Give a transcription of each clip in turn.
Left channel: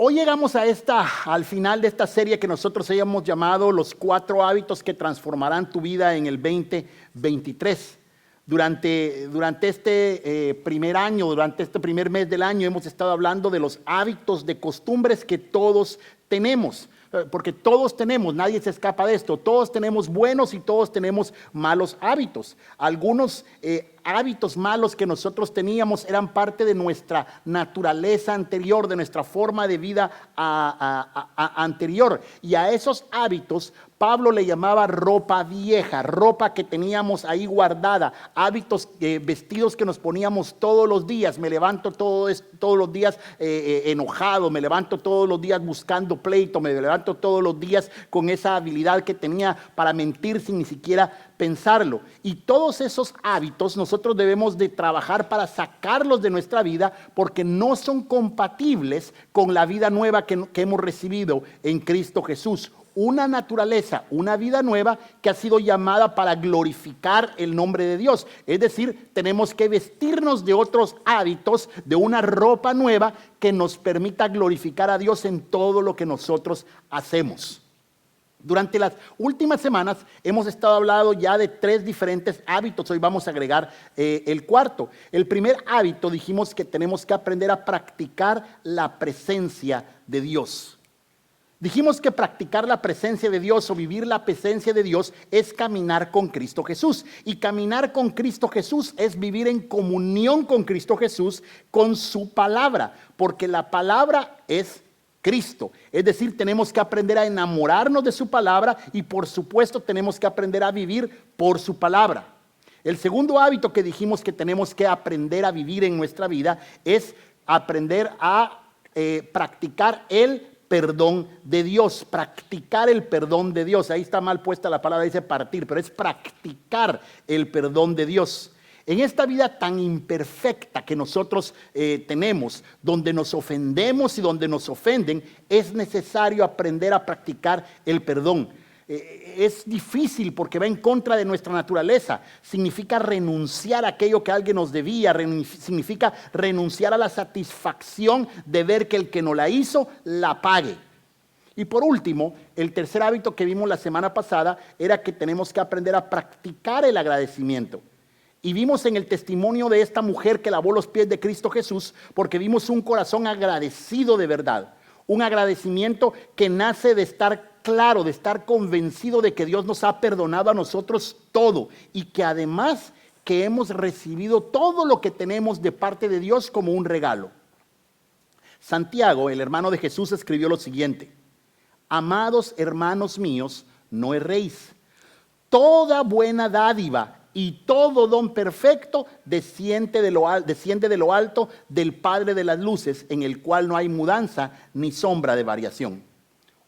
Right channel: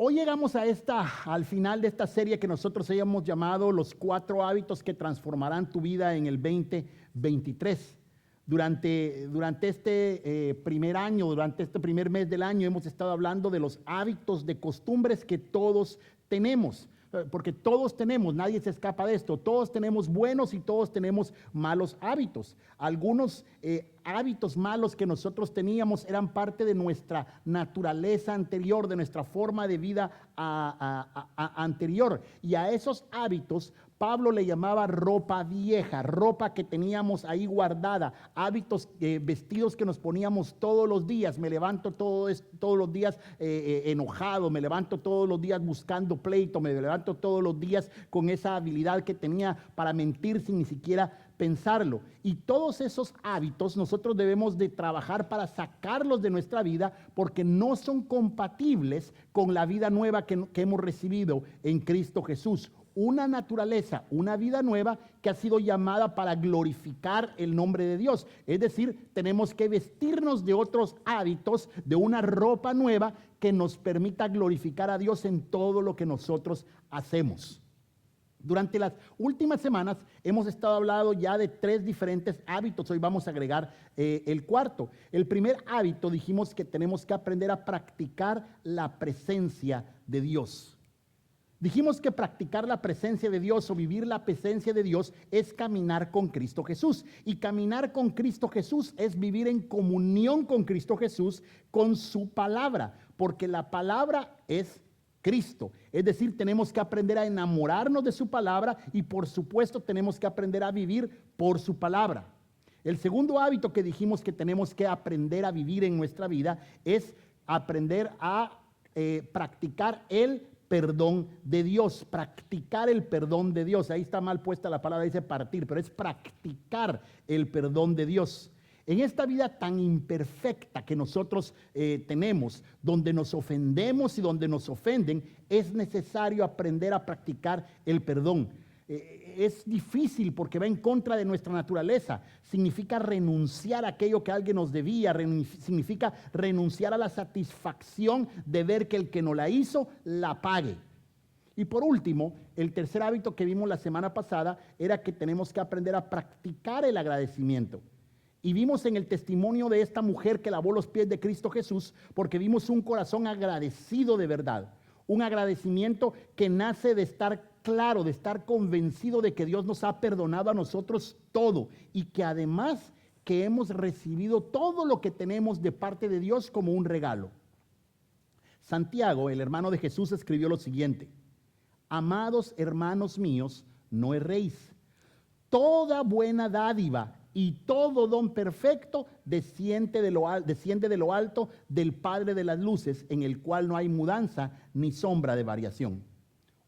Hoy llegamos al final de esta serie que nosotros hayamos llamado Los 4 hábitos que transformarán tu vida en el 2023. Durante este primer año, durante este primer mes del año, hemos estado hablando de los hábitos, de costumbres que todos tenemos. Porque todos tenemos, nadie se escapa de esto, todos tenemos buenos y todos tenemos malos hábitos. Algunos hábitos malos que nosotros teníamos eran parte de nuestra naturaleza anterior, de nuestra forma de vida anterior. Y a esos hábitos Pablo le llamaba ropa vieja, ropa que teníamos ahí guardada, hábitos, vestidos que nos poníamos todos los días. Me levanto todos los días enojado, me levanto todos los días buscando pleito, me levanto todos los días con esa habilidad que tenía para mentir sin ni siquiera pensarlo. Y todos esos hábitos nosotros debemos de trabajar para sacarlos de nuestra vida, porque no son compatibles con la vida nueva que hemos recibido en Cristo Jesús. Una naturaleza, una vida nueva que ha sido llamada para glorificar el nombre de Dios. Es decir, tenemos que vestirnos de otros hábitos, de una ropa nueva que nos permita glorificar a Dios en todo lo que nosotros hacemos. Durante las últimas semanas hemos estado hablando ya de 3 diferentes hábitos. Hoy vamos a agregar el cuarto. El primer hábito, dijimos que tenemos que aprender a practicar la presencia de Dios. Dijimos que practicar la presencia de Dios o vivir la presencia de Dios es caminar con Cristo Jesús. Y caminar con Cristo Jesús es vivir en comunión con Cristo Jesús, con su palabra, porque la palabra es Cristo. Es decir, tenemos que aprender a enamorarnos de su palabra y por supuesto tenemos que aprender a vivir por su palabra. El segundo hábito que dijimos que tenemos que aprender a vivir en nuestra vida es aprender a practicar el perdón de Dios, practicar el perdón de Dios. Ahí está mal puesta la palabra, dice partir, pero es practicar el perdón de Dios. En esta vida tan imperfecta que nosotros tenemos, donde nos ofendemos y donde nos ofenden, es necesario aprender a practicar el perdón. Es difícil porque va en contra de nuestra naturaleza. Significa renunciar a aquello que alguien nos debía, significa renunciar a la satisfacción de ver que el que nos la hizo la pague. Y por último, el tercer hábito que vimos la semana pasada era que tenemos que aprender a practicar el agradecimiento. Y vimos en el testimonio de esta mujer que lavó los pies de Cristo Jesús, porque vimos un corazón agradecido de verdad. Un agradecimiento que nace de estar claro, de estar convencido de que Dios nos ha perdonado a nosotros todo y que además que hemos recibido todo lo que tenemos de parte de Dios como un regalo. Santiago, el hermano de Jesús, escribió lo siguiente: amados hermanos míos, no erréis. Toda buena dádiva y todo don perfecto desciende de lo alto del Padre de las luces, en el cual no hay mudanza ni sombra de variación.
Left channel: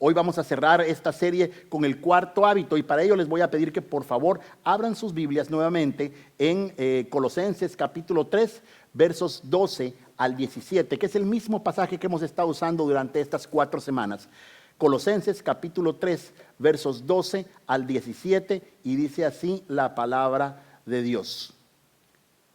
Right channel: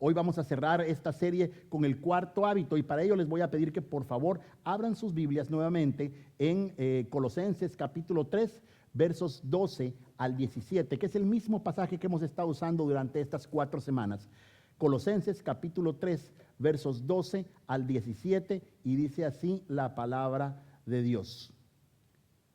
Hoy vamos a cerrar esta serie con el cuarto hábito y para ello les voy a pedir que por favor abran sus Biblias nuevamente en Colosenses capítulo 3, versos 12 al 17, que es el mismo pasaje que hemos estado usando durante estas 4 semanas. Colosenses capítulo 3, versos 12 al 17, y dice así la palabra de Dios.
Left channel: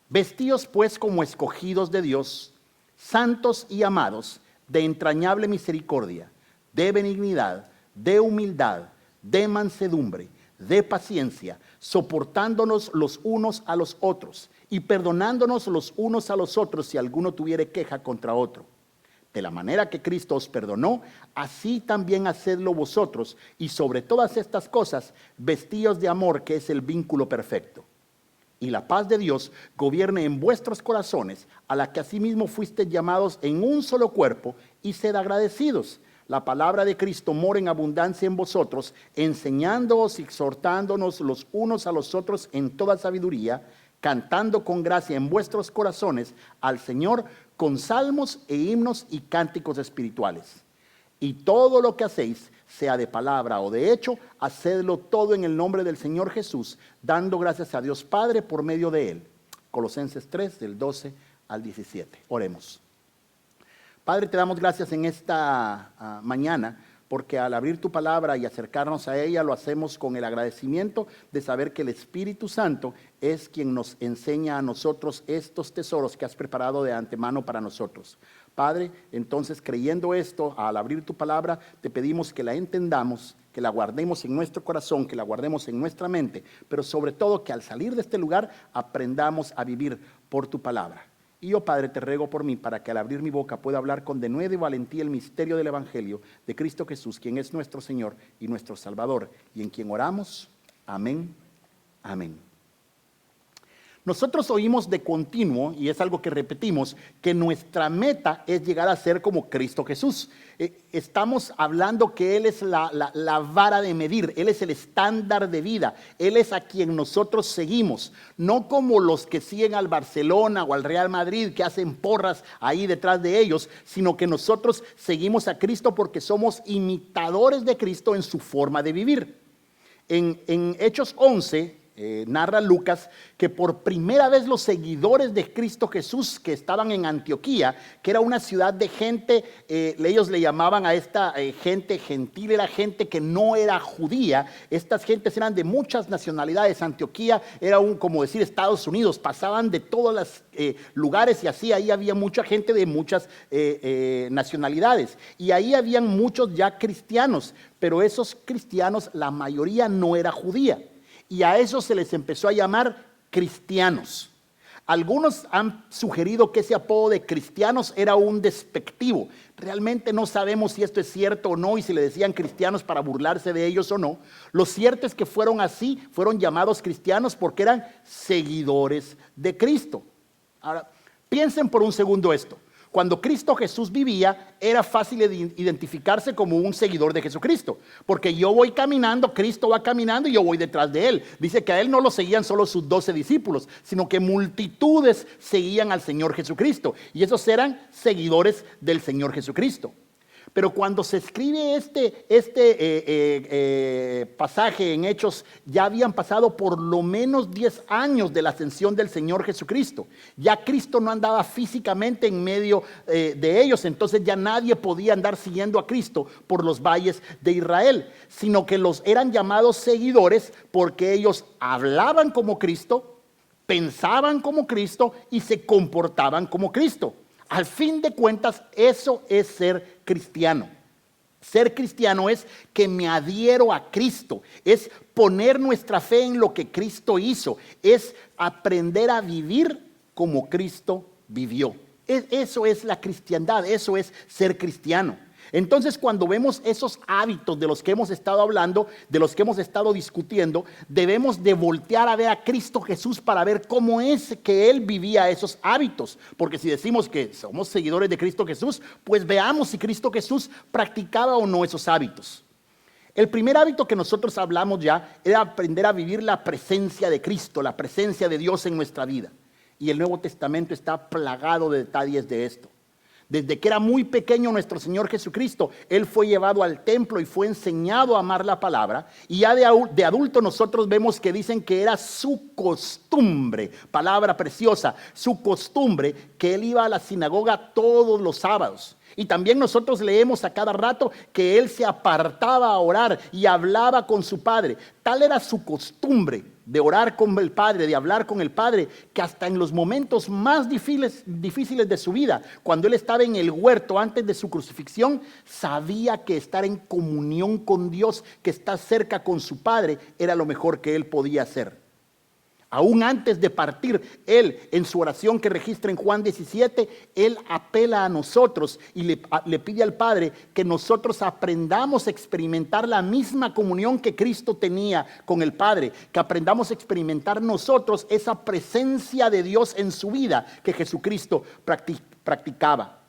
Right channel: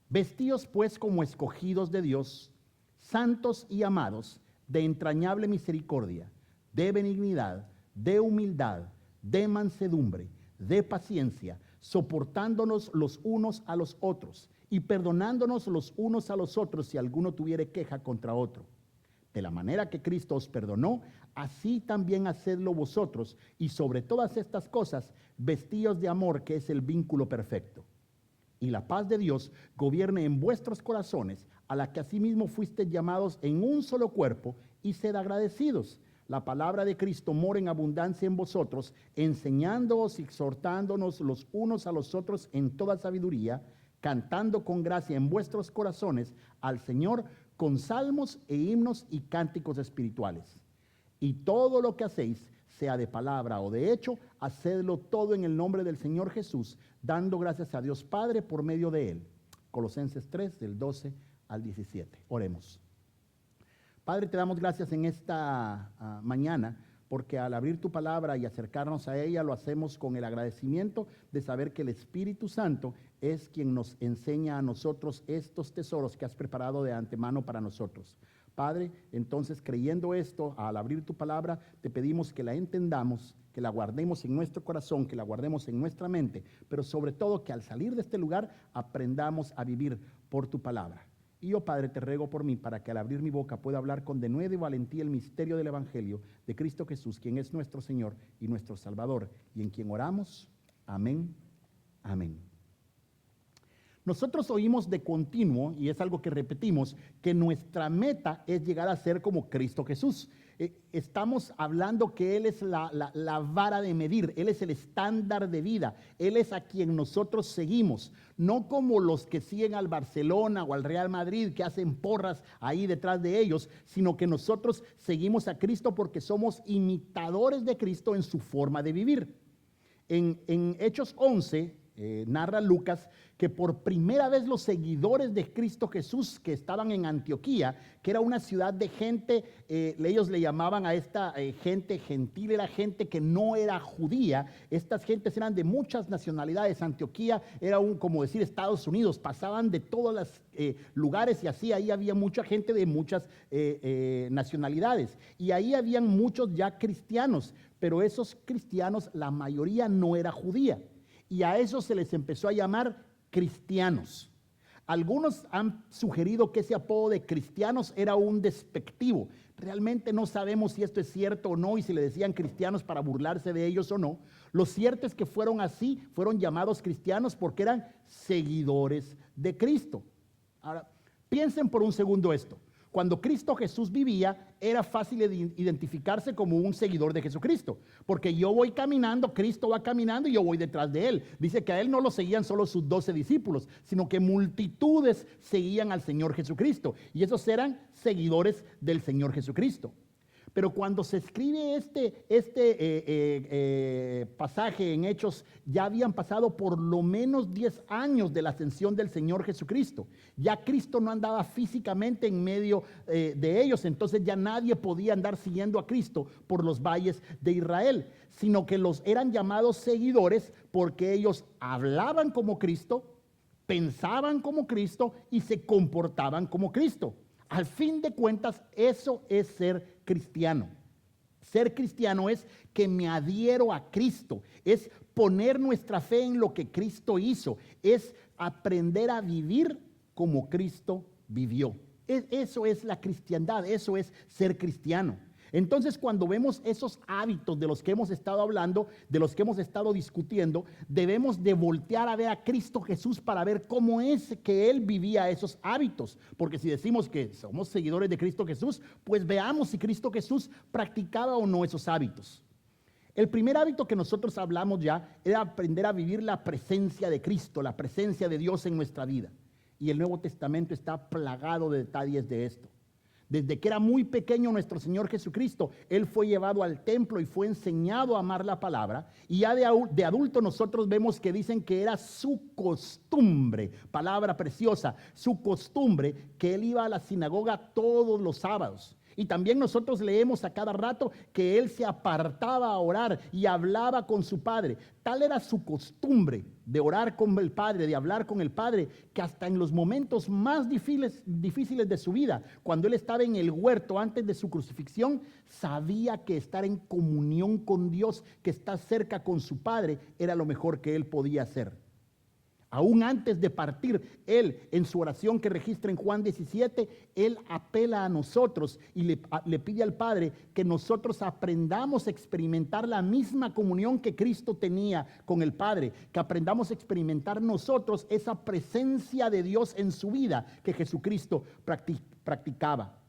Vestíos pues como escogidos de Dios, santos y amados, de entrañable misericordia, de benignidad, de humildad, de mansedumbre, de paciencia, soportándonos los unos a los otros y perdonándonos los unos a los otros si alguno tuviere queja contra otro. De la manera que Cristo os perdonó, así también hacedlo vosotros, y sobre todas estas cosas, vestíos de amor, que es el vínculo perfecto. Y la paz de Dios gobierne en vuestros corazones, a la que asimismo fuisteis llamados en un solo cuerpo, y sed agradecidos. La palabra de Cristo mora en abundancia en vosotros, enseñándoos y exhortándonos los unos a los otros en toda sabiduría, cantando con gracia en vuestros corazones al Señor con salmos e himnos y cánticos espirituales. Y todo lo que hacéis, sea de palabra o de hecho, hacedlo todo en el nombre del Señor Jesús, dando gracias a Dios Padre por medio de Él. Colosenses 3, del 12 al 17. Oremos. Padre, te damos gracias en esta mañana porque al abrir tu palabra y acercarnos a ella lo hacemos con el agradecimiento de saber que el Espíritu Santo es quien nos enseña a nosotros estos tesoros que has preparado de antemano para nosotros. Padre, entonces creyendo esto, al abrir tu palabra, te pedimos que la entendamos, que la guardemos en nuestro corazón, que la guardemos en nuestra mente, pero sobre todo que al salir de este lugar aprendamos a vivir por tu palabra. Y yo, Padre, te ruego por mí para que al abrir mi boca pueda hablar con denuedo y valentía el misterio del Evangelio de Cristo Jesús, quien es nuestro Señor y nuestro Salvador, y en quien oramos. Amén. Amén. Nosotros oímos de continuo, y es algo que repetimos, que nuestra meta es llegar a ser como Cristo Jesús. Estamos hablando que Él es la vara de medir, Él es el estándar de vida, Él es a quien nosotros seguimos, no como los que siguen al Barcelona o al Real Madrid, que hacen porras ahí detrás de ellos, sino que nosotros seguimos a Cristo porque somos imitadores de Cristo en su forma de vivir. En Hechos 11, narra Lucas que por primera vez los seguidores de Cristo Jesús que estaban en Antioquía, que era una ciudad de gente, ellos le llamaban a esta gente gentil, era gente que no era judía. Estas gentes eran de muchas nacionalidades. Antioquía era como decir Estados Unidos, pasaban de todos los lugares, y así ahí había mucha gente de muchas nacionalidades, y ahí habían muchos ya cristianos, pero esos cristianos, la mayoría no era judía. Y a eso se les empezó a llamar cristianos. Algunos han sugerido que ese apodo de cristianos era un despectivo. Realmente no sabemos si esto es cierto o no, y si le decían cristianos para burlarse de ellos o no. Lo cierto es que fueron así, fueron llamados cristianos porque eran seguidores de Cristo. Ahora, piensen por un segundo esto. Cuando Cristo Jesús vivía, era fácil identificarse como un seguidor de Jesucristo, porque yo voy caminando, Cristo va caminando y yo voy detrás de Él. Dice que a Él no lo seguían solo sus 12 discípulos, sino que multitudes seguían al Señor Jesucristo, y esos eran seguidores del Señor Jesucristo. Pero cuando se escribe este pasaje en Hechos, ya habían pasado por lo menos 10 años de la ascensión del Señor Jesucristo. Ya Cristo no andaba físicamente en medio de ellos, entonces ya nadie podía andar siguiendo a Cristo por los valles de Israel, sino que los eran llamados seguidores porque ellos hablaban como Cristo, pensaban como Cristo y se comportaban como Cristo. Al fin de cuentas, eso es ser cristiano. Ser cristiano es que me adhiero a Cristo, es poner nuestra fe en lo que Cristo hizo, es aprender a vivir como Cristo vivió. Eso es la cristiandad, eso es ser cristiano. Entonces, cuando vemos esos hábitos de los que hemos estado hablando, de los que hemos estado discutiendo, debemos de voltear a ver a Cristo Jesús para ver cómo es que Él vivía esos hábitos. Porque si decimos que somos seguidores de Cristo Jesús, pues veamos si Cristo Jesús practicaba o no esos hábitos. El primer hábito que nosotros hablamos ya era aprender a vivir la presencia de Cristo, la presencia de Dios en nuestra vida. Y el Nuevo Testamento está plagado de detalles de esto. Desde que era muy pequeño nuestro Señor Jesucristo, Él fue llevado al templo y fue enseñado a amar la palabra. Y ya de adulto nosotros vemos que dicen que era su costumbre, palabra preciosa, su costumbre, que Él iba a la sinagoga todos los sábados. Y también nosotros leemos a cada rato que Él se apartaba a orar y hablaba con su Padre. Tal era su costumbre de orar con el Padre, de hablar con el Padre, que hasta en los momentos más difíciles de su vida, cuando Él estaba en el huerto antes de su crucifixión, sabía que estar en comunión con Dios, que estar cerca con su Padre, era lo mejor que Él podía hacer. Aún antes de partir, Él, en su oración que registra en Juan 17, Él apela a nosotros y le pide al Padre que nosotros aprendamos a experimentar la misma comunión que Cristo tenía con el Padre, que aprendamos a experimentar nosotros esa presencia de Dios en su vida que Jesucristo practicaba.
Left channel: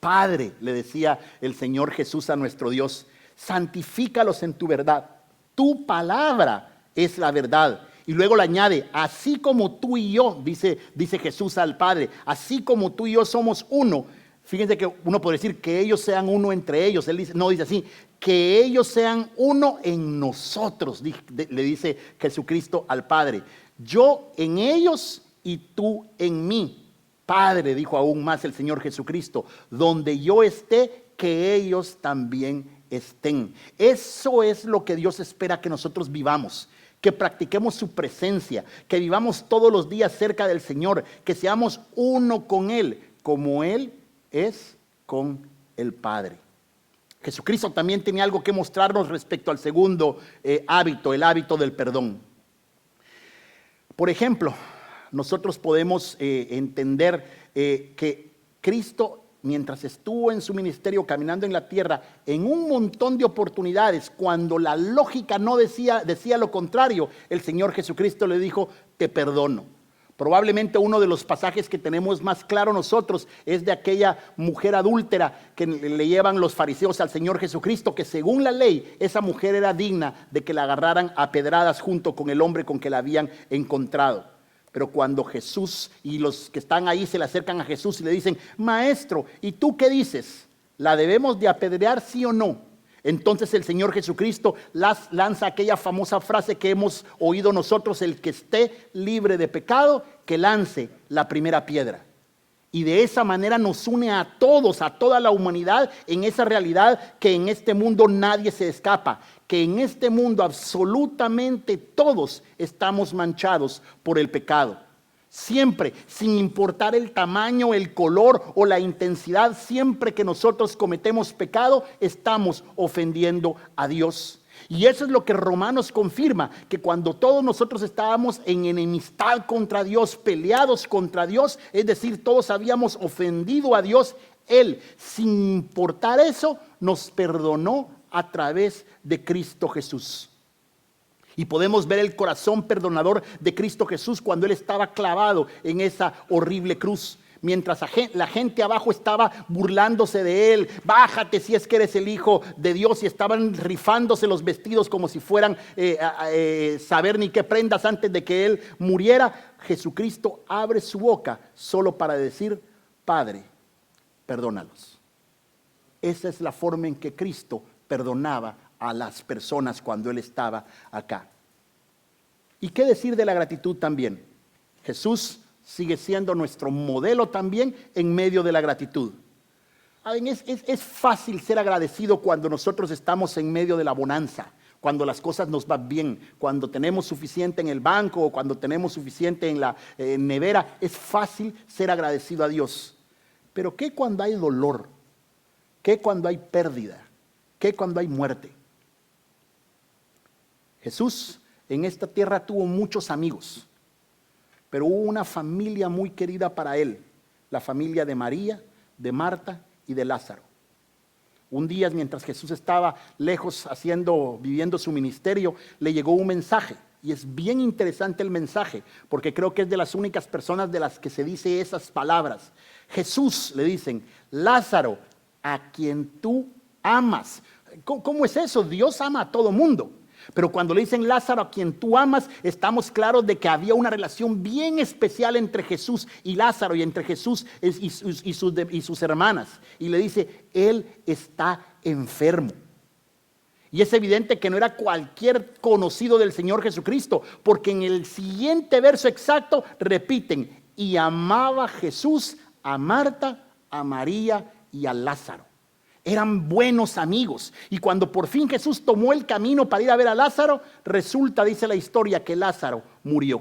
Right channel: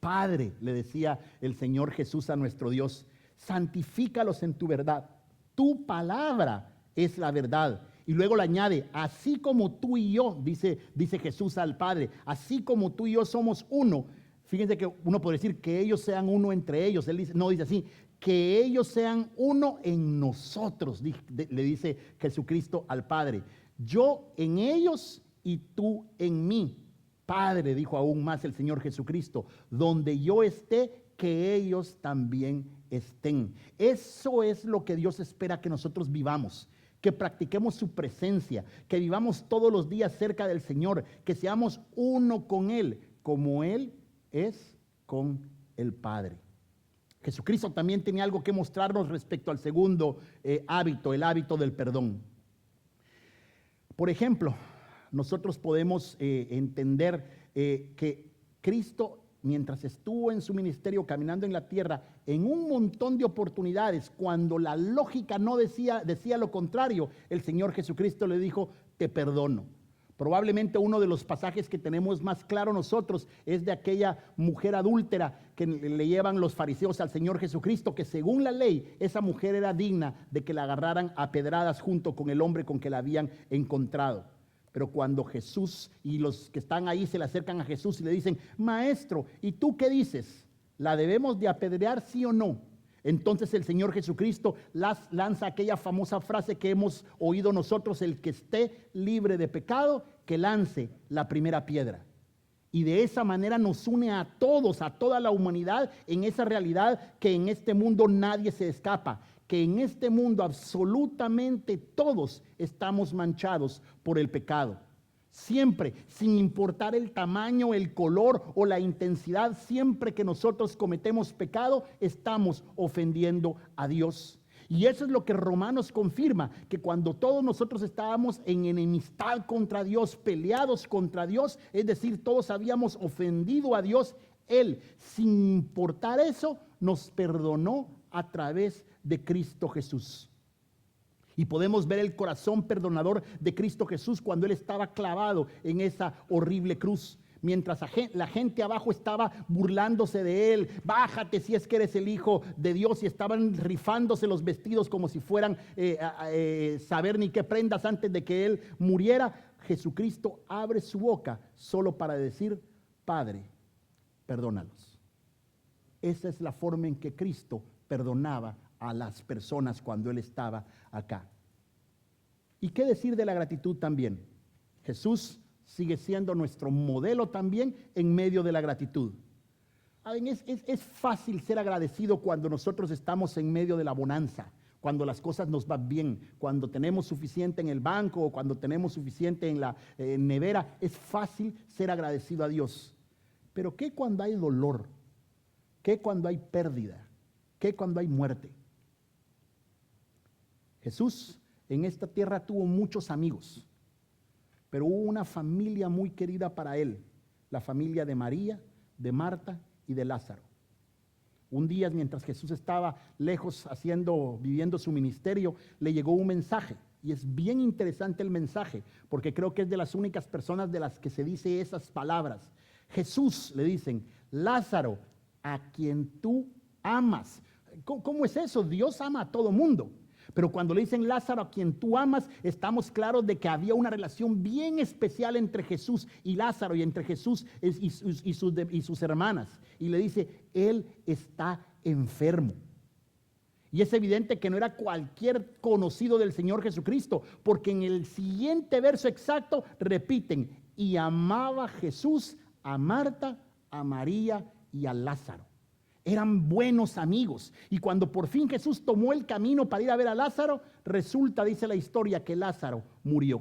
Padre, le decía el Señor Jesús a nuestro Dios, santifícalos en tu verdad. Tu palabra es la verdad. Y luego le añade, así como tú y yo, dice Jesús al Padre, así como tú y yo somos uno. Fíjense que uno puede decir que ellos sean uno entre ellos. Él dice, no, dice así, que ellos sean uno en nosotros, le dice Jesucristo al Padre. Yo en ellos y tú en mí. Padre, dijo aún más el Señor Jesucristo, donde yo esté, que ellos también estén. Eso es lo que Dios espera que nosotros vivamos, que practiquemos su presencia, que vivamos todos los días cerca del Señor, que seamos uno con Él, como Él es con el Padre. Jesucristo también tenía algo que mostrarnos respecto al segundo hábito, el hábito del perdón. Por ejemplo, nosotros podemos entender que Cristo, mientras estuvo en su ministerio caminando en la tierra, en un montón de oportunidades, cuando la lógica no decía lo contrario, el Señor Jesucristo le dijo: te perdono. Probablemente uno de los pasajes que tenemos más claro nosotros es de aquella mujer adúltera que le llevan los fariseos al Señor Jesucristo, que según la ley esa mujer era digna de que la agarraran a pedradas junto con el hombre con que la habían encontrado. Pero cuando Jesús y los que están ahí se le acercan a Jesús y le dicen: maestro, ¿y tú qué dices? ¿La debemos de apedrear, sí o no? Entonces el Señor Jesucristo lanza aquella famosa frase que hemos oído nosotros: el que esté libre de pecado, que lance la primera piedra. Y de esa manera nos une a todos, a toda la humanidad, en esa realidad que en este mundo nadie se escapa, que en este mundo absolutamente todos estamos manchados por el pecado. Siempre, sin importar el tamaño, el color o la intensidad, siempre que nosotros cometemos pecado, estamos ofendiendo a Dios. Y eso es lo que Romanos confirma, que cuando todos nosotros estábamos en enemistad contra Dios, peleados contra Dios, es decir, todos habíamos ofendido a Dios, Él, sin importar eso, nos perdonó a través de Cristo Jesús. Y podemos ver el corazón perdonador de Cristo Jesús cuando Él estaba clavado en esa horrible cruz. Mientras la gente abajo estaba burlándose de Él: bájate si es que eres el Hijo de Dios. Y estaban rifándose los vestidos como si fueran saber ni qué prendas antes de que Él muriera. Jesucristo abre su boca solo para decir: Padre, perdónalos. Esa es la forma en que Cristo perdonaba a las personas cuando Él estaba acá. ¿Y qué decir de la gratitud también? Jesús sigue siendo nuestro modelo también en medio de la gratitud. Es fácil ser agradecido cuando nosotros estamos en medio de la bonanza, cuando las cosas nos van bien, cuando tenemos suficiente en el banco o cuando tenemos suficiente en la nevera. Es fácil ser agradecido a Dios. Pero ¿qué cuando hay dolor? ¿Qué cuando hay pérdida? ¿Qué cuando hay muerte? Jesús en esta tierra tuvo muchos amigos, pero hubo una familia muy querida para Él, la familia de María, de Marta y de Lázaro. Un día, mientras Jesús estaba lejos viviendo su ministerio, le llegó un mensaje. Y es bien interesante el mensaje, porque creo que es de las únicas personas de las que se dice esas palabras. Jesús, le dicen: Lázaro, a quien tú amas. ¿Cómo es eso? Dios ama a todo mundo. Pero cuando le dicen Lázaro, a quien tú amas, estamos claros de que había una relación bien especial entre Jesús y Lázaro, y entre Jesús y sus hermanas. Y le dice: él está enfermo. Y es evidente que no era cualquier conocido del Señor Jesucristo, porque en el siguiente verso exacto repiten: y amaba Jesús a Marta, a María y a Lázaro. Eran buenos amigos. Y cuando por fin Jesús tomó el camino para ir a ver a Lázaro, resulta, dice la historia, que Lázaro murió.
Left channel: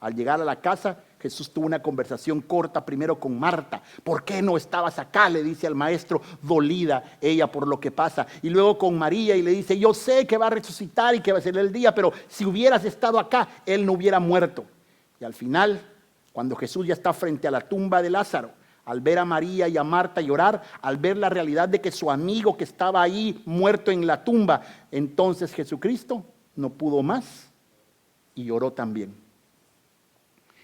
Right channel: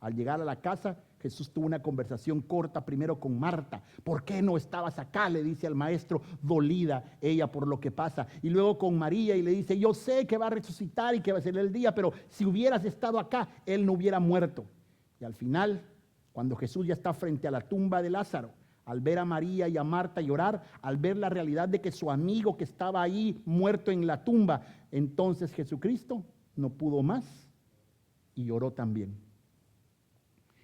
Al llegar a la casa, Jesús tuvo una conversación corta primero con Marta. ¿Por qué no estabas acá?, le dice al maestro, dolida ella por lo que pasa. Y luego con María, y le dice: yo sé que va a resucitar y que va a ser el día, pero si hubieras estado acá, él no hubiera muerto. Y al final, cuando Jesús ya está frente a la tumba de Lázaro, al ver a María y a Marta llorar, al ver la realidad de que su amigo que estaba ahí muerto en la tumba, entonces Jesucristo no pudo más y lloró también.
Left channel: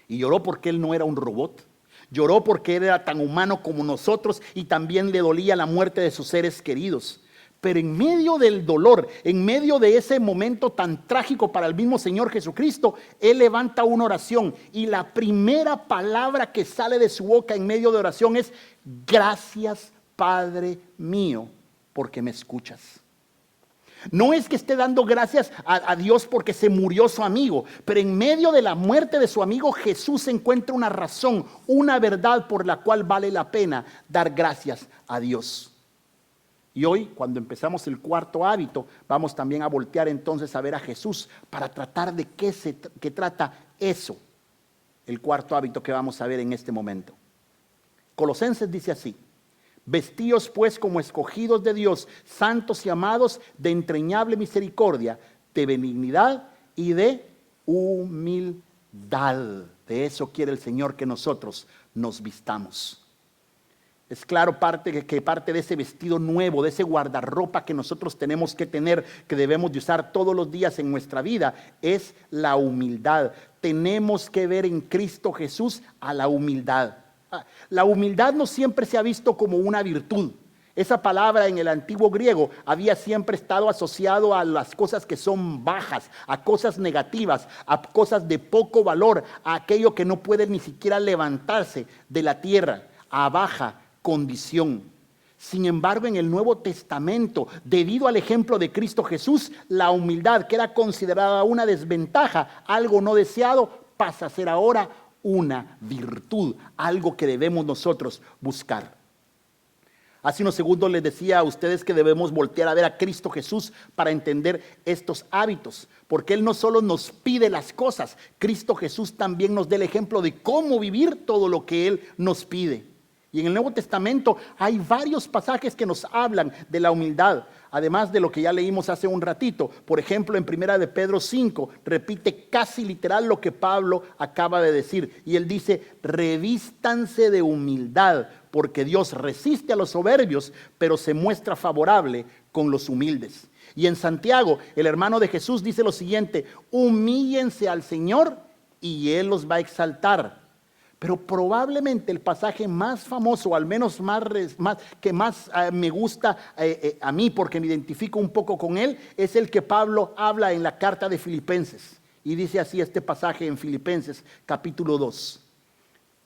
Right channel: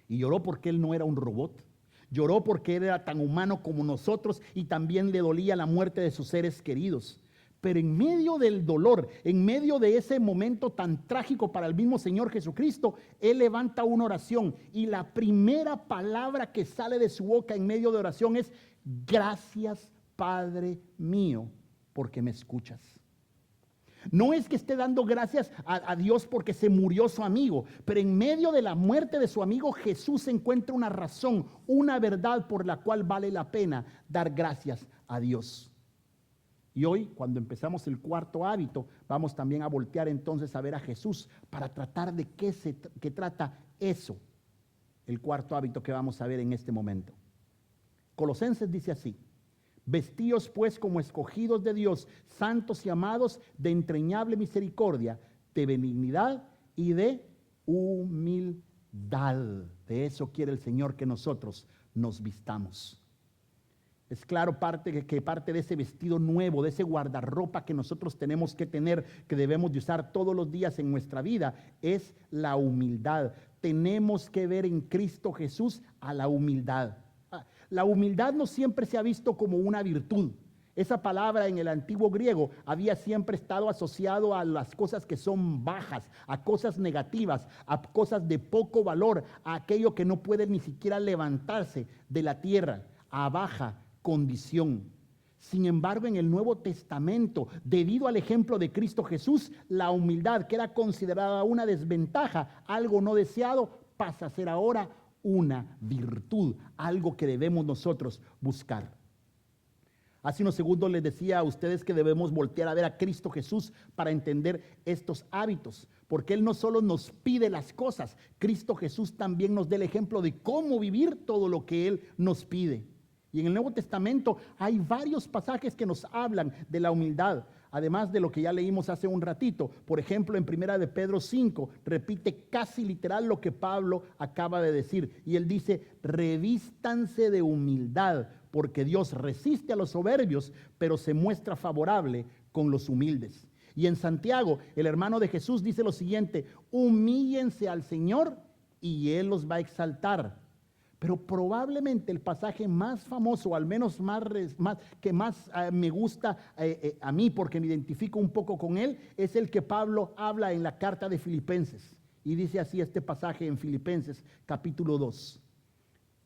Y lloró porque Él no era un robot. Lloró porque Él era tan humano como nosotros y también le dolía la muerte de sus seres queridos. Pero en medio del dolor, en medio de ese momento tan trágico para el mismo Señor Jesucristo, Él levanta una oración, y la primera palabra que sale de su boca en medio de oración es: gracias, Padre mío, porque me escuchas. No es que esté dando gracias a Dios porque se murió su amigo, pero en medio de la muerte de su amigo, Jesús encuentra una razón, una verdad por la cual vale la pena dar gracias a Dios. Y hoy, cuando empezamos el cuarto hábito, vamos también a voltear entonces a ver a Jesús para tratar de qué trata eso, el cuarto hábito que vamos a ver en este momento. Colosenses dice así: vestíos pues como escogidos de Dios, santos y amados, de entrañable misericordia, de benignidad y de humildad. De eso quiere el Señor que nosotros nos vistamos. Es claro que parte de ese vestido nuevo, de ese guardarropa que nosotros tenemos que tener, que debemos de usar todos los días en nuestra vida, es la humildad. Tenemos que ver en Cristo Jesús a la humildad. La humildad no siempre se ha visto como una virtud. Esa palabra en el antiguo griego había siempre estado asociado a las cosas que son bajas, a cosas negativas, a cosas de poco valor, a aquello que no puede ni siquiera levantarse de la tierra, a baja condición. Sin embargo, en el Nuevo Testamento, debido al ejemplo de Cristo Jesús, la humildad, que era considerada una desventaja, algo no deseado, pasa a ser ahora una virtud, algo que debemos nosotros buscar. Hace unos segundos les decía a ustedes que debemos voltear a ver a Cristo Jesús para entender estos hábitos, porque Él no solo nos pide las cosas, Cristo Jesús también nos da el ejemplo de cómo vivir todo lo que Él nos pide. Y en el Nuevo Testamento hay varios pasajes que nos hablan de la humildad, además de lo que ya leímos hace un ratito. Por ejemplo, en 1 de Pedro 5, repite casi literal lo que Pablo acaba de decir. Y él dice: revístanse de humildad, porque Dios resiste a los soberbios, pero se muestra favorable con los humildes. Y en Santiago, el hermano de Jesús dice lo siguiente: humíllense al Señor y Él los va a exaltar. Pero probablemente el pasaje más famoso, al menos que más me gusta a mí, porque me identifico un poco con él, es el que Pablo habla en la carta de Filipenses. Y dice así este pasaje en Filipenses capítulo 2:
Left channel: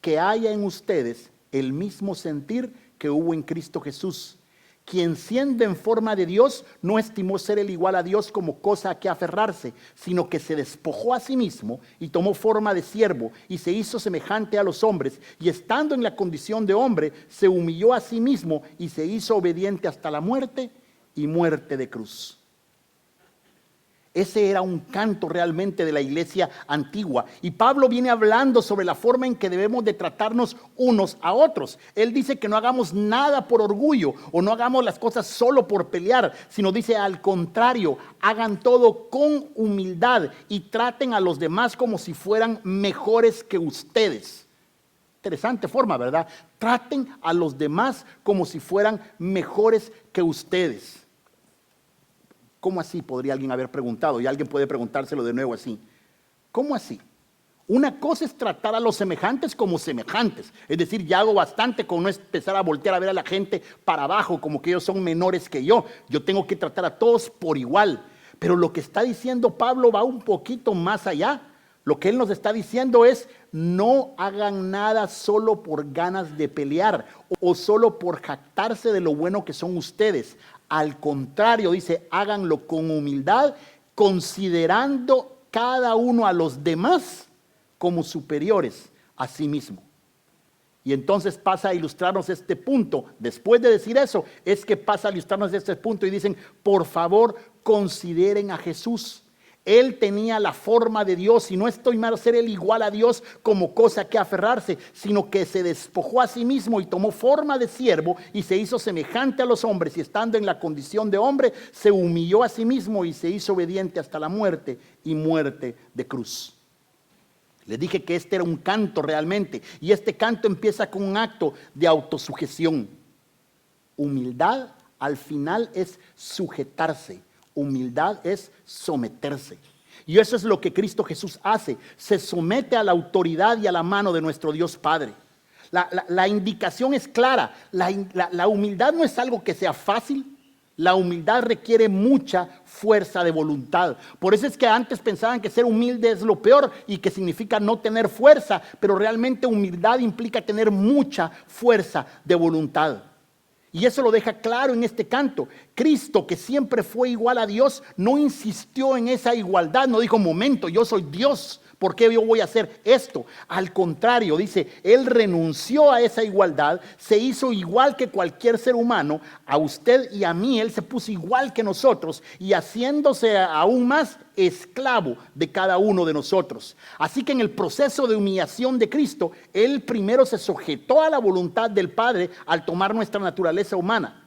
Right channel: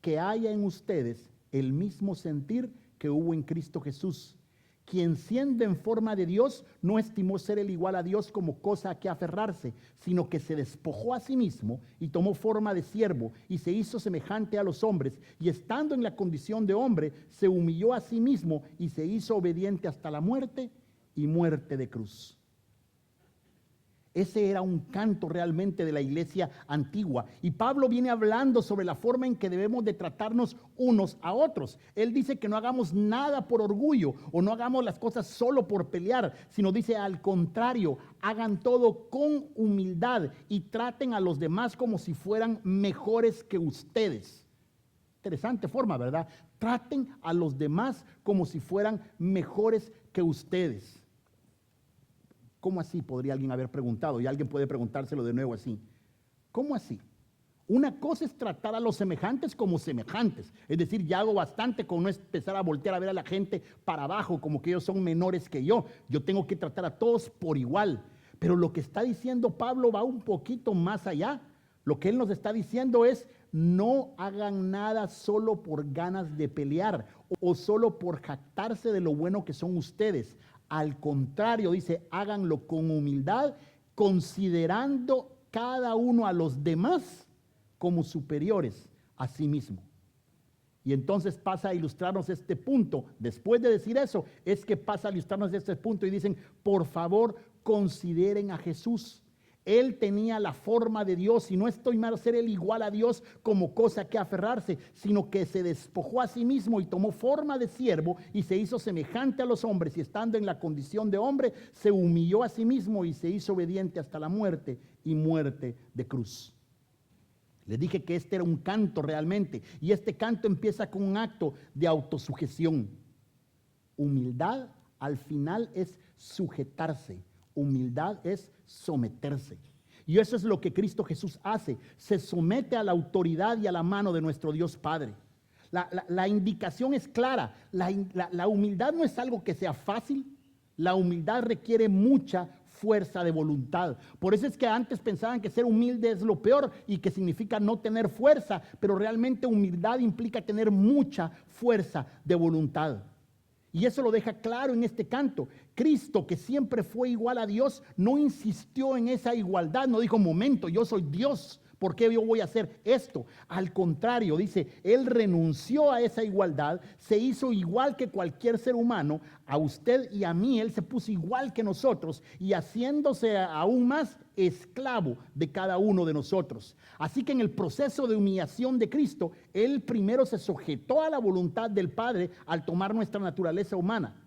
que haya en ustedes el mismo sentir que hubo en Cristo Jesús, quien siendo en forma de Dios no estimó ser el igual a Dios como cosa a que aferrarse, sino que se despojó a sí mismo y tomó forma de siervo y se hizo semejante a los hombres, y estando en la condición de hombre se humilló a sí mismo y se hizo obediente hasta la muerte y muerte de cruz. Ese era un canto realmente de la iglesia antigua. Y Pablo viene hablando sobre la forma en que debemos de tratarnos unos a otros. Él dice que no hagamos nada por orgullo o no hagamos las cosas solo por pelear, sino dice al contrario, hagan todo con humildad y traten a los demás como si fueran mejores que ustedes. Interesante forma, ¿verdad? Traten a los demás como si fueran mejores que ustedes. ¿Cómo así? Podría alguien haber preguntado, y alguien puede preguntárselo de nuevo así. ¿Cómo así? Una cosa es tratar a los semejantes como semejantes, es decir, ya hago bastante con no empezar a voltear a ver a la gente para abajo como que ellos son menores que yo. Yo tengo que tratar a todos por igual. Pero lo que está diciendo Pablo va un poquito más allá. Lo que él nos está diciendo es: no hagan nada solo por ganas de pelear o solo por jactarse de lo bueno que son ustedes. Al contrario, dice, háganlo con humildad, considerando cada uno a los demás como superiores a sí mismo. Y entonces pasa a ilustrarnos este punto. Después de decir eso, es que pasa a ilustrarnos este punto y dicen: por favor, consideren a Jesús. Él tenía la forma de Dios, y no estoy mal ser él igual a Dios como cosa que aferrarse, sino que se despojó a sí mismo y tomó forma de siervo y se hizo semejante a los hombres, y estando en la condición de hombre se humilló a sí mismo y se hizo obediente hasta la muerte y muerte de cruz. Les dije que este era un canto realmente, y este canto empieza con un acto de autosujeción. Humildad al final es sujetarse. Humildad es someterse. Y eso es lo que Cristo Jesús hace. Se somete a la autoridad y a la mano de nuestro Dios Padre. La indicación es clara. La humildad no es algo que sea fácil. La humildad requiere mucha fuerza de voluntad. Por eso es que antes pensaban que ser humilde es lo peor y que significa no tener fuerza. Pero realmente humildad implica tener mucha fuerza de voluntad. Y eso lo deja claro en este canto. Cristo, que siempre fue igual a Dios, no insistió en esa igualdad. No dijo: momento, yo soy Dios, ¿Por qué yo voy a hacer esto? Al contrario, dice, Él renunció a esa igualdad, se hizo igual que cualquier ser humano, a usted y a mí, Él se puso igual que nosotros y haciéndose aún más esclavo de cada uno de nosotros. Así que en el proceso de humillación de Cristo, Él primero se sujetó a la voluntad del Padre al tomar nuestra naturaleza humana.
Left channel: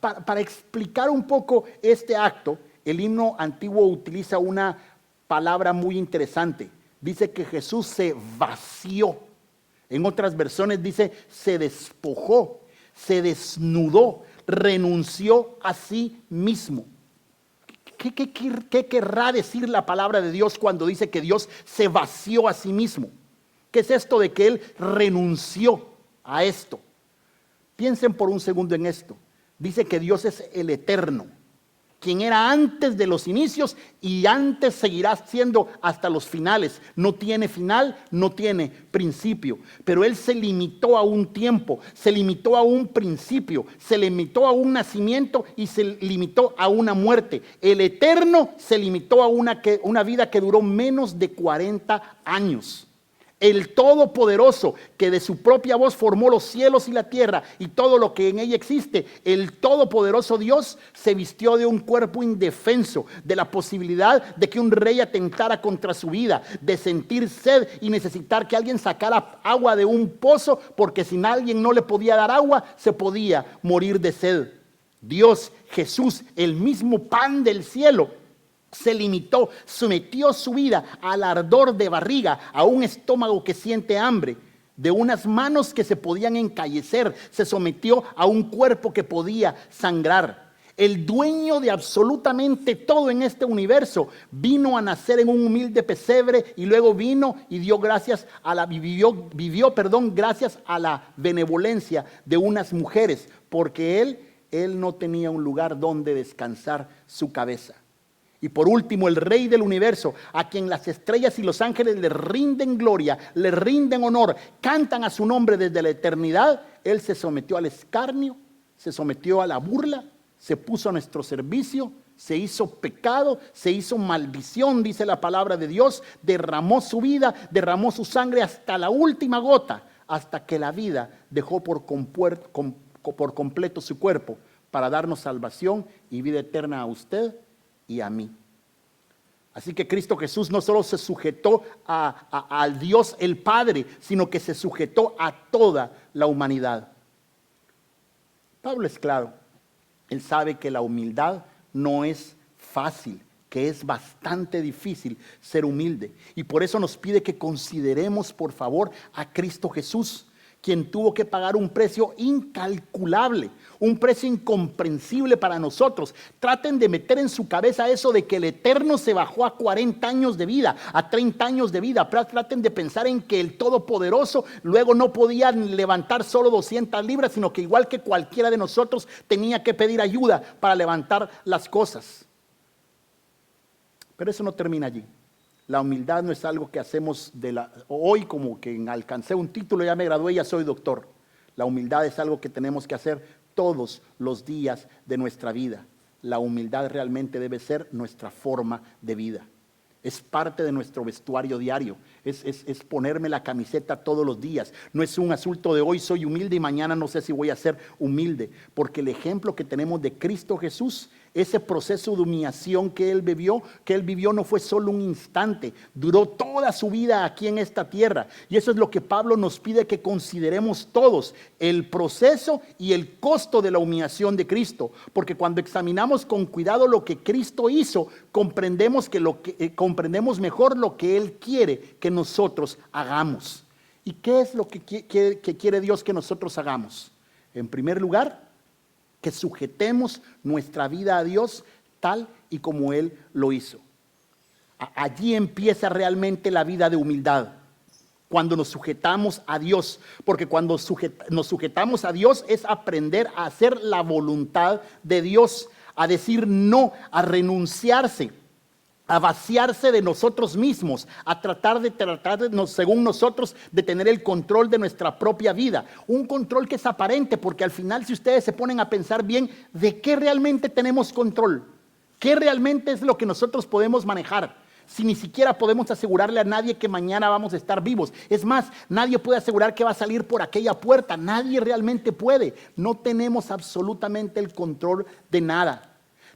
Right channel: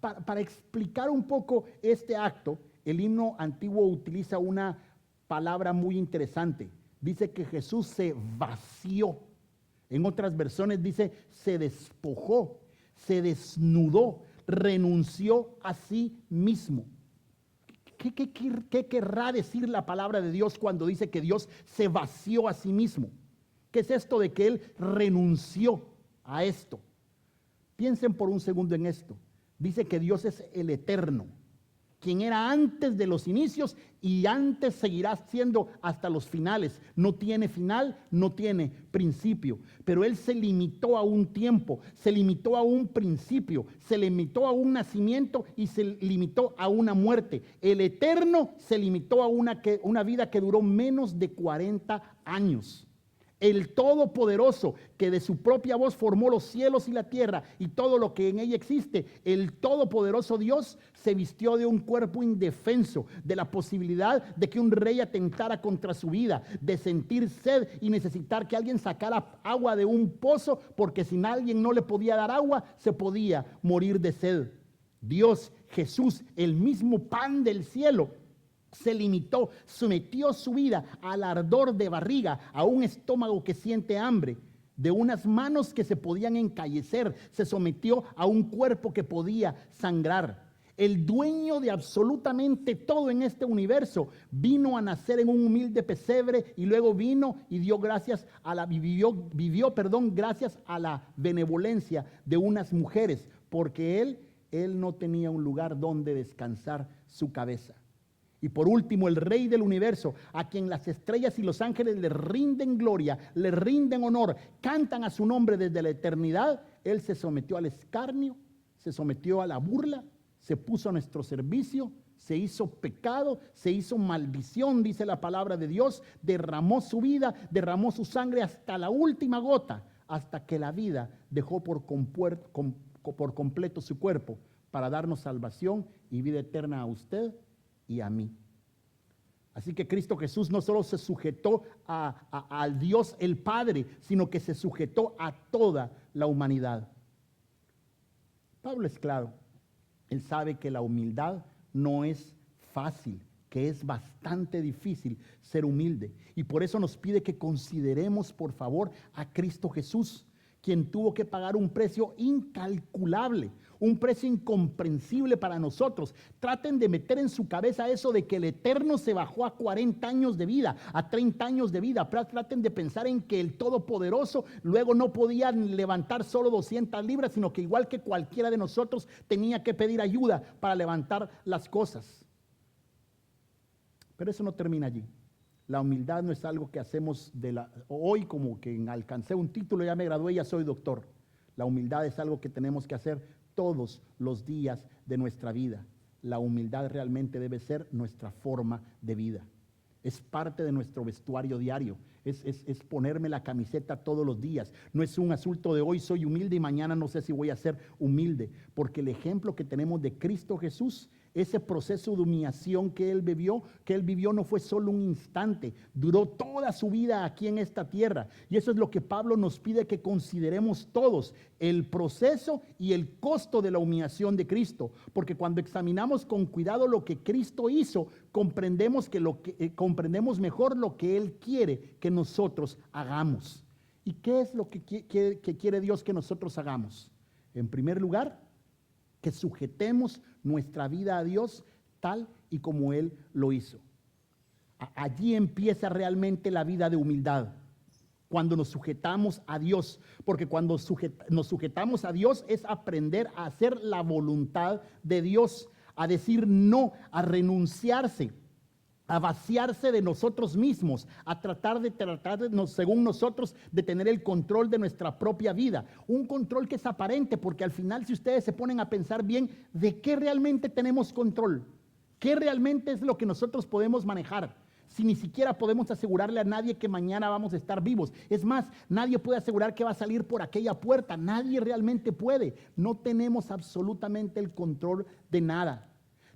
Para explicar un poco este acto, el himno antiguo utiliza una palabra muy interesante. Dice que Jesús se vació. En otras versiones dice se despojó, se desnudó, renunció a sí mismo. ¿Qué querrá decir la palabra de Dios cuando dice que Dios se vació a sí mismo? ¿Qué es esto de que Él renunció a esto? Piensen por un segundo en esto. Dice que Dios es el eterno, quien era antes de los inicios y antes seguirá siendo hasta los finales. No tiene final, no tiene principio. Pero Él se limitó a un tiempo, se limitó a un principio, se limitó a un nacimiento y se limitó a una muerte. El eterno se limitó a una vida que duró menos de 40 años. El Todopoderoso, que de su propia voz formó los cielos y la tierra y todo lo que en ella existe, el Todopoderoso Dios se vistió de un cuerpo indefenso, de la posibilidad de que un rey atentara contra su vida, de sentir sed y necesitar que alguien sacara agua de un pozo, porque si alguien no le podía dar agua, se podía morir de sed. Dios, Jesús, el mismo pan del cielo, se limitó, sometió su vida al ardor de barriga, a un estómago que siente hambre, de unas manos que se podían encallecer, se sometió a un cuerpo que podía sangrar. El dueño de absolutamente todo en este universo vino a nacer en un humilde pesebre y luego vino y dio gracias a vivió gracias a la benevolencia de unas mujeres, porque él no tenía un lugar donde descansar su cabeza. Y por último, el Rey del universo, a quien las estrellas y los ángeles le rinden gloria, le rinden honor, cantan a su nombre desde la eternidad. Él se sometió al escarnio, se sometió a la burla, se puso a nuestro servicio, se hizo pecado, se hizo maldición, dice la palabra de Dios, derramó su vida, derramó su sangre hasta la última gota, hasta que la vida dejó por completo su cuerpo para darnos salvación y vida eterna a usted y a mí. Así que Cristo Jesús no solo se sujetó al Dios el Padre, sino que se sujetó a toda la humanidad. Pablo es claro, él sabe que la humildad no es fácil, que es bastante difícil ser humilde, y por eso nos pide que consideremos por favor a Cristo Jesús, quien tuvo que pagar un precio incalculable, un precio incomprensible para nosotros. Traten de meter en su cabeza eso de que el Eterno se bajó a 40 años de vida, a 30 años de vida. Traten de pensar en que el Todopoderoso luego no podía levantar solo 200 libras, sino que igual que cualquiera de nosotros tenía que pedir ayuda para levantar las cosas. Pero eso no termina allí. La humildad no es algo que hacemos hoy, como que alcancé un título, ya me gradué, ya soy doctor. La humildad es algo que tenemos que hacer todos los días de nuestra vida. La humildad realmente debe ser nuestra forma de vida. Es parte de nuestro vestuario diario. Es ponerme la camiseta todos los días. No es un asunto de hoy soy humilde y mañana no sé si voy a ser humilde. Porque el ejemplo que tenemos de Cristo Jesús, ese proceso de humillación que Él vivió no fue solo un instante. Duró toda su vida aquí en esta tierra. Y eso es lo que Pablo nos pide que consideremos todos. El proceso y el costo de la humillación de Cristo. Porque cuando examinamos con cuidado lo que Cristo hizo, comprendemos mejor lo que Él quiere que nosotros hagamos. ¿Y qué es lo que quiere Dios que nosotros hagamos? En primer lugar, que sujetemos nuestra vida a Dios tal y como Él lo hizo. Allí empieza realmente la vida de humildad, cuando nos sujetamos a Dios, porque cuando nos sujetamos a Dios es aprender a hacer la voluntad de Dios, a decir no, a renunciarse, a vaciarse de nosotros mismos, a tratar según nosotros, de tener el control de nuestra propia vida. Un control que es aparente, porque al final, si ustedes se ponen a pensar bien, ¿de qué realmente tenemos control? ¿Qué realmente es lo que nosotros podemos manejar? si ni siquiera podemos asegurarle a nadie que mañana vamos a estar vivos? Es más, nadie puede asegurar que va a salir por aquella puerta. Nadie realmente puede. No tenemos absolutamente el control de nada.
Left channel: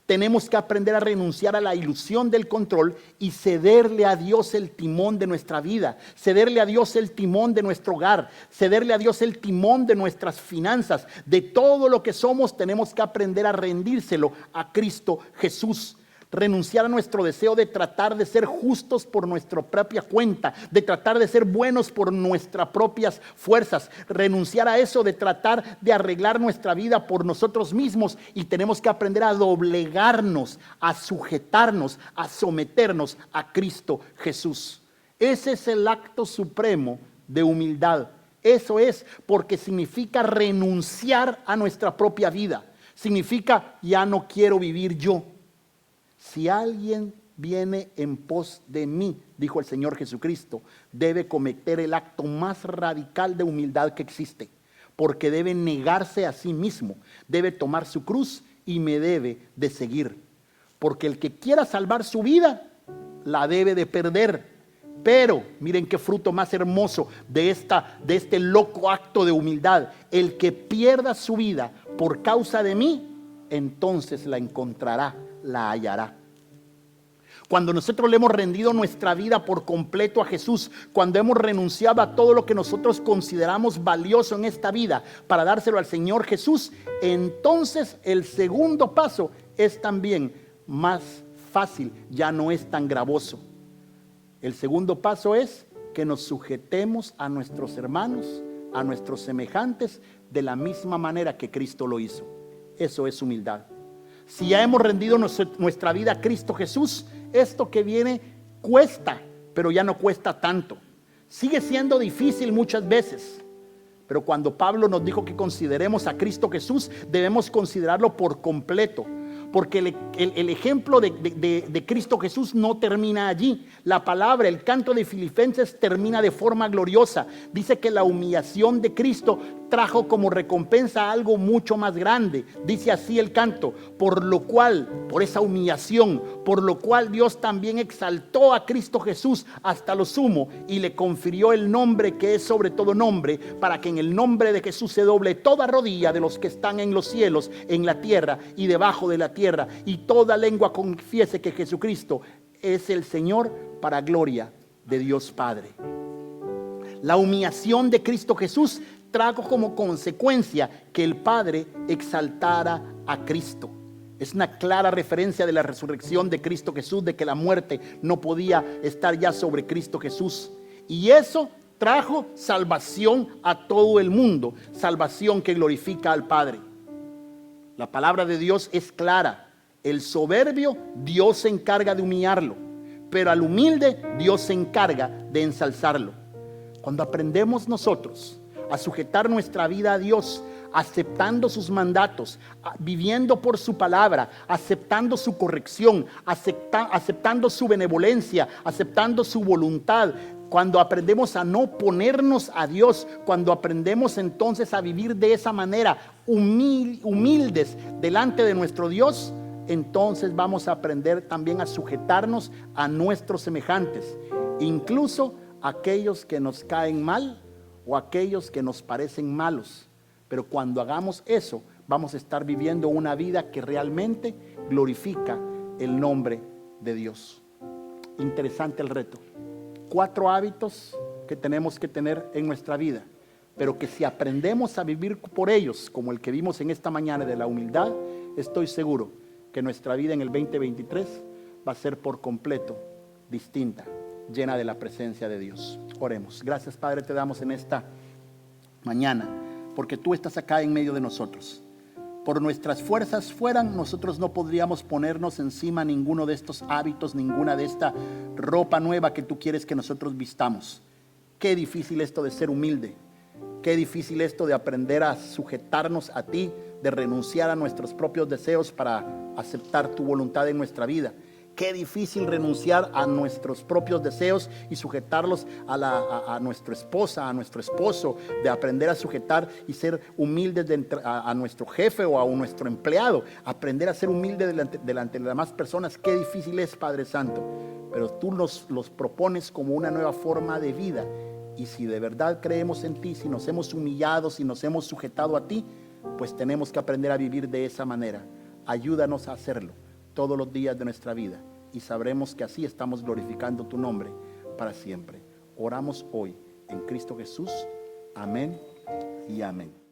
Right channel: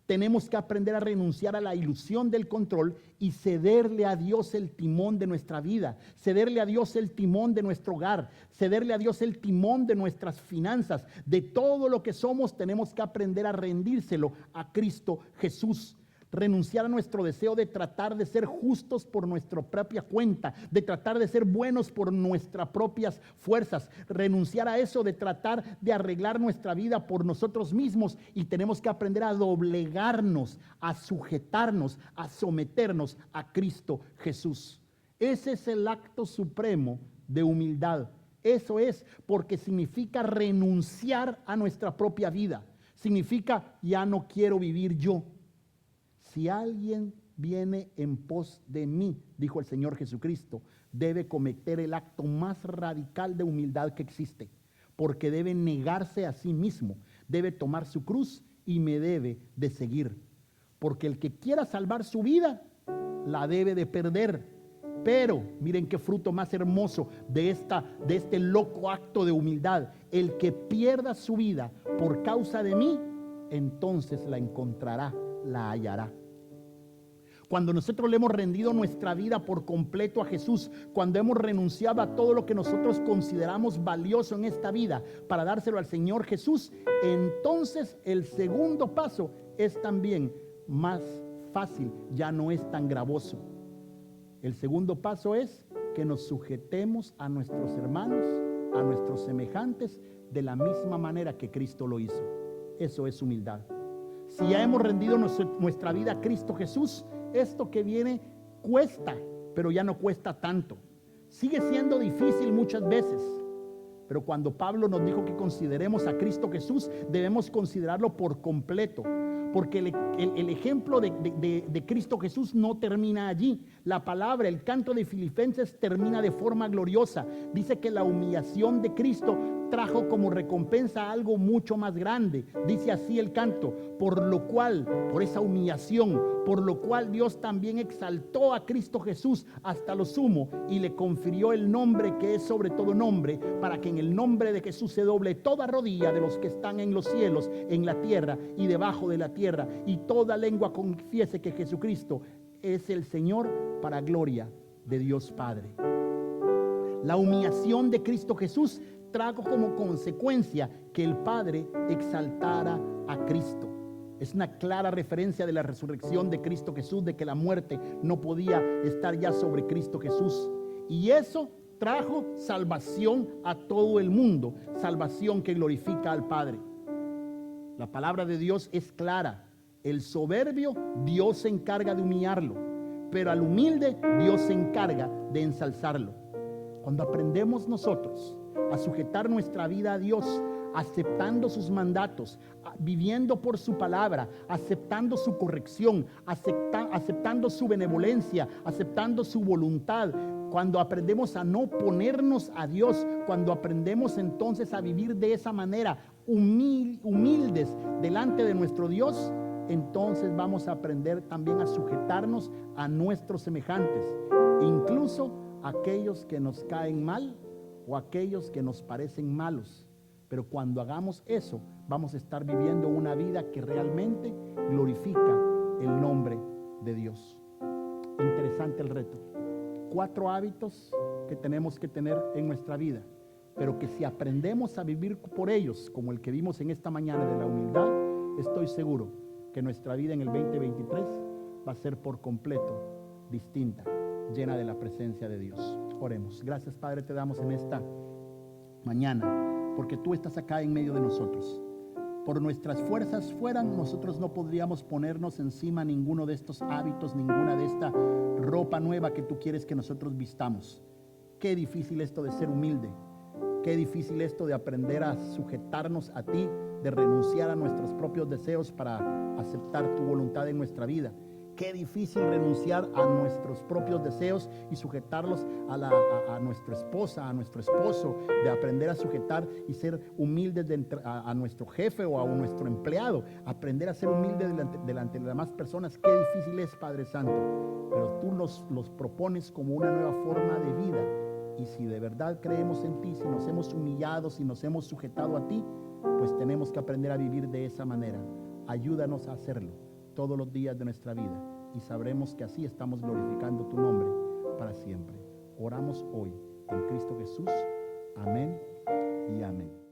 Tenemos que aprender a renunciar a la ilusión del control y cederle a Dios el timón de nuestra vida, cederle a Dios el timón de nuestro hogar, cederle a Dios el timón de nuestras finanzas. De todo lo que somos tenemos que aprender a rendírselo a Cristo Jesús. Renunciar a nuestro deseo de tratar de ser justos por nuestra propia cuenta, de tratar de ser buenos por nuestras propias fuerzas. Renunciar a eso de tratar de arreglar nuestra vida por nosotros mismos, y tenemos que aprender a doblegarnos, a sujetarnos, a someternos a Cristo Jesús. Ese es el acto supremo de humildad. Eso es, porque significa renunciar a nuestra propia vida. Significa, ya no quiero vivir yo. Si alguien viene en pos de mí, dijo el Señor Jesucristo, debe cometer el acto más radical de humildad que existe, porque debe negarse a sí mismo, debe tomar su cruz y me debe de seguir. Porque el que quiera salvar su vida, la debe de perder. Pero miren qué fruto más hermoso de este loco acto de humildad. El que pierda su vida por causa de mí, entonces la encontrará, la hallará. Cuando nosotros le hemos rendido nuestra vida por completo a Jesús, cuando hemos renunciado a todo lo que nosotros consideramos valioso en esta vida para dárselo al Señor Jesús, entonces el segundo paso es también más fácil, ya no es tan gravoso. El segundo paso es que nos sujetemos a nuestros hermanos, a nuestros semejantes, de la misma manera que Cristo lo hizo. Eso es humildad. Si ya hemos rendido nuestra vida a Cristo Jesús, esto que viene cuesta, pero ya no cuesta tanto. Sigue siendo difícil muchas veces, pero cuando Pablo nos dijo que consideremos a Cristo Jesús, debemos considerarlo por completo. Porque el ejemplo de Cristo Jesús no termina allí. La palabra, el canto de Filipenses termina de forma gloriosa. Dice que la humillación de Cristo trajo como recompensa algo mucho más grande. Dice así el canto: por lo cual, por esa humillación, por lo cual Dios también exaltó a Cristo Jesús hasta lo sumo y le confirió el nombre que es sobre todo nombre, para que en el nombre de Jesús se doble toda rodilla de los que están en los cielos, en la tierra y debajo de la tierra, y toda lengua confiese que Jesucristo es el Señor, para gloria de Dios Padre. La humillación de Cristo Jesús trajo como consecuencia que el Padre exaltara a Cristo. Es una clara referencia de la resurrección de Cristo Jesús, de que la muerte no podía estar ya sobre Cristo Jesús. Y eso trajo salvación a todo el mundo, salvación que glorifica al Padre. La palabra de Dios es clara. El soberbio, Dios se encarga de humillarlo, pero al humilde, Dios se encarga de ensalzarlo. Cuando aprendemos nosotros a sujetar nuestra vida a Dios, aceptando sus mandatos, viviendo por su palabra, aceptando su corrección, aceptando su benevolencia, aceptando su voluntad, cuando aprendemos a no ponernos a Dios, cuando aprendemos entonces a vivir de esa manera, humildes delante de nuestro Dios, entonces vamos a aprender también a sujetarnos a nuestros semejantes, incluso aquellos que nos caen mal o aquellos que nos parecen malos. Pero cuando hagamos eso, vamos a estar viviendo una vida que realmente glorifica el nombre de Dios. Interesante el reto. 4 hábitos que tenemos que tener en nuestra vida, pero que si aprendemos a vivir por ellos, como el que vimos en esta mañana de la humildad, estoy seguro que nuestra vida en el 2023 va a ser por completo distinta, llena de la presencia de Dios. Oremos. Gracias, Padre, te damos en esta mañana, porque tú estás acá en medio de nosotros. Por nuestras fuerzas fueran, nosotros no podríamos ponernos encima ninguno de estos hábitos, ninguna de esta ropa nueva que tú quieres que nosotros vistamos. Qué difícil esto de ser humilde. Qué difícil esto de aprender a sujetarnos a ti, de renunciar a nuestros propios deseos para aceptar tu voluntad en nuestra vida. Qué difícil renunciar a nuestros propios deseos y sujetarlos a nuestra esposa, a nuestro esposo, de aprender a sujetar y ser humildes a nuestro jefe o a nuestro empleado, aprender a ser humildes delante de las demás personas. Qué difícil es, Padre Santo, pero tú nos los propones como una nueva forma de vida. Y si de verdad creemos en ti, si nos hemos humillado, si nos hemos sujetado a ti, pues tenemos que aprender a vivir de esa manera. Ayúdanos a hacerlo todos los días de nuestra vida y sabremos que así estamos glorificando tu nombre para siempre. Oramos hoy en Cristo Jesús. Amén y amén.